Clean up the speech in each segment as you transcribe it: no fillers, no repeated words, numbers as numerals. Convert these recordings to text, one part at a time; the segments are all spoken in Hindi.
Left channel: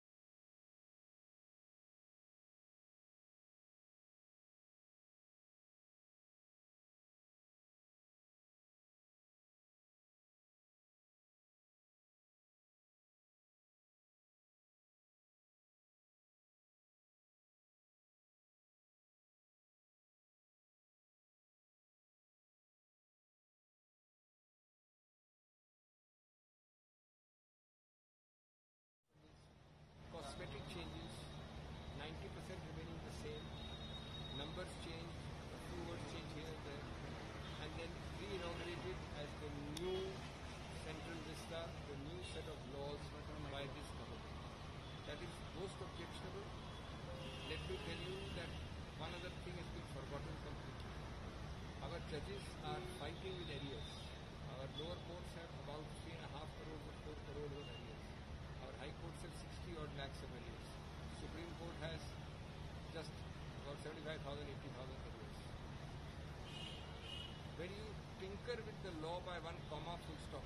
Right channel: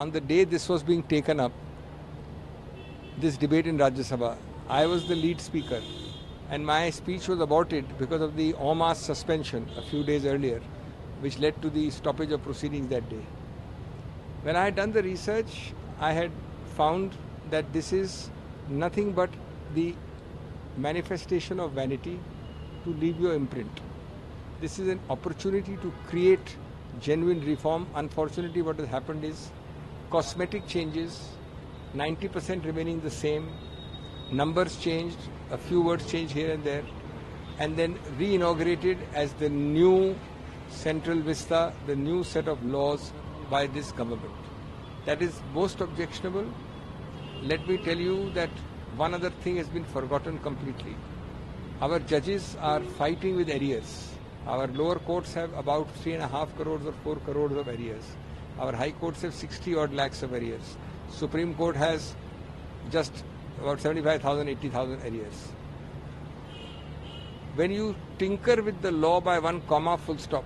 On the day this was being taken up, this debate in Rajya Sabha, I was the lead speaker and my speech was aborted because of the en masse suspension a few days earlier, which led to the stoppage of proceedings that day. When I had done the research, I had found that this is nothing but the manifestation of vanity to leave your imprint. This is an opportunity to create genuine reform. Unfortunately, what has happened is cosmetic changes, 90% remaining the same, numbers changed, a few words changed here and there, and then re-inaugurated as the new central vista, the new set of laws by this government. That is most objectionable. Let me tell you that one other thing has been forgotten completely. Our judges are fighting with arrears. Our lower courts have about 3.5 crores or 4 crores of arrears. Our high courts have 60 odd lakhs of arrears. Supreme Court has just about 75,000, 80,000 arrears. When you tinker with the law by one comma full stop,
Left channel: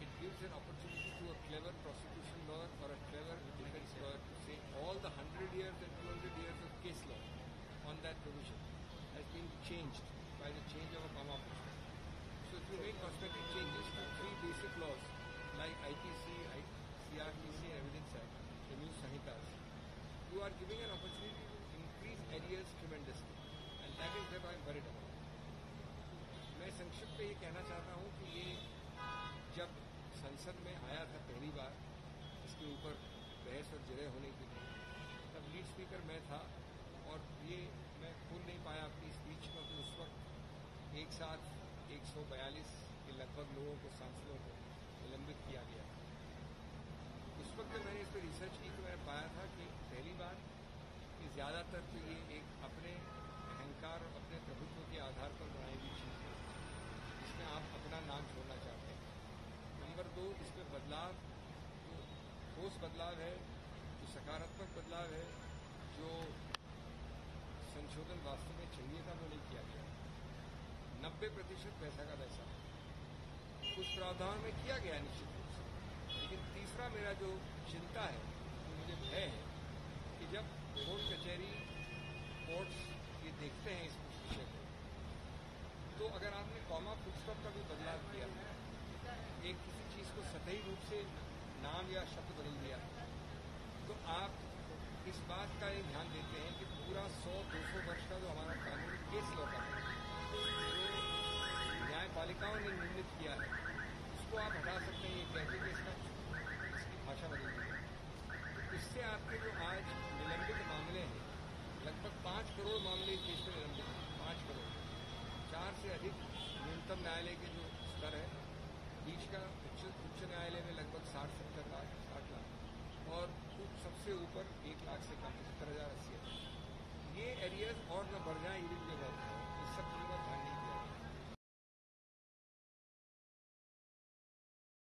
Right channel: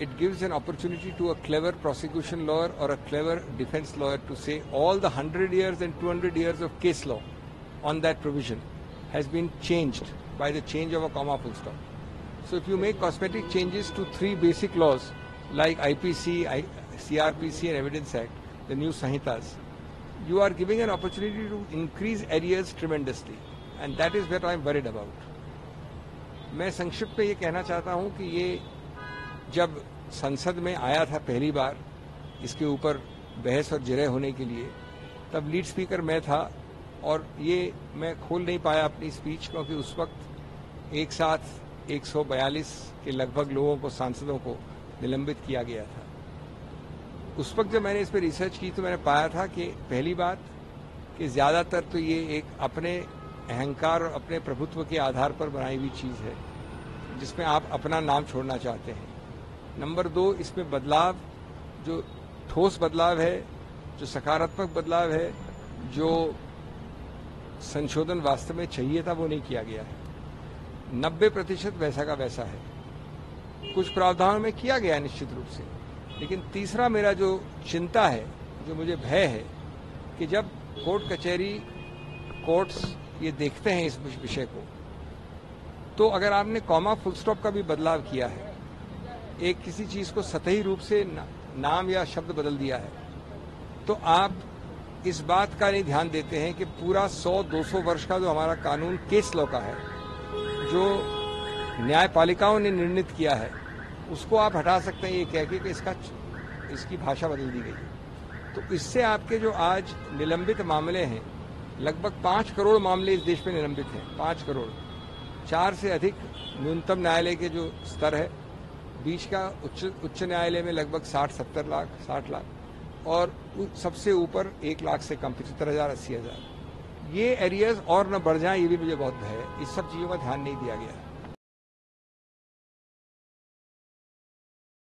it gives an opportunity to a clever prosecution lawyer or a clever defense lawyer to say all the 100 years and 200 years of case law on that provision has been changed by the change of a comma full stop. So if you make cosmetic changes to 3 basic laws like IPC, CRPC and Evidence Act, the new Sahitas, you are giving an opportunity to increase arrears tremendously, and that is what I am worried about. मैं संक्षिप्त में ये कहना चाहता हूँ कि ये जब संसद में आया था पहली बार इसके ऊपर बहस और जिरह होने के लिए, तब लीड स्पीकर मैं था और ये मैं खोल नहीं पाया अपनी स्पीच क्योंकि उस वक्त एक साथ 142 के लगभग लोगों को, सांसदों को निलंबित किया गया था। उस वक्त जब मैंने इस पर रिसर्च की तो मैंने पाया था कि पहली बात कि ज़्यादातर तो ये एक अपने अहंकार और अपने प्रभुत्व के आधार पर बनाई हुई चीज़ है जिसमें आप अपना नाम छोड़ना चाहते हैं। नंबर 2, इसमें बदलाव जो ठोस बदलाव है, जो सकारात्मक बदलाव है, जो संशोधन वास्तव में चाहिए था वो नहीं किया गया है। 90% वैसा का वैसा है। कुछ प्रावधानों में किया गया निश्चित रूप से, लेकिन तीसरा मेरा जो चिंता है, जो मुझे भय है कि जब कोर्ट कचहरी, कोर्ट्स ये देखते हैं इस विषय को, तो अगर आपने कॉमा फुल स्टॉप का भी बदलाव किया है, एक किसी चीज़ को सतही रूप से नाम या शब्द बदल दिया है, तो आप इस बात का नहीं ध्यान देते हैं कि पूरा 100-200 वर्ष का जो हमारा कानून केस लॉ का है, जो न्यायपालिकाओं ने निर्णित किया है, उसको आप हटा सकते हैं ये कह के कि इसकी भाषा बदल दी गई। तो इससे आपके जो आज निलंबित मामले हैं, लगभग 5 करोड़ मामले इस देश में निलंबित हैं, 5 करोड़, 4 से अधिक न्यूनतम न्यायालय के जो स्तर है, बीच का उच्च न्यायालय में लगभग 60-70 लाख, 60 लाख, और सबसे ऊपर 1 लाख से कम, 75,000, 80,000। ये एरियाज और न बढ़ जाएं, ये भी मुझे बहुत भय है। इस सब चीज़ों का ध्यान नहीं दिया गया।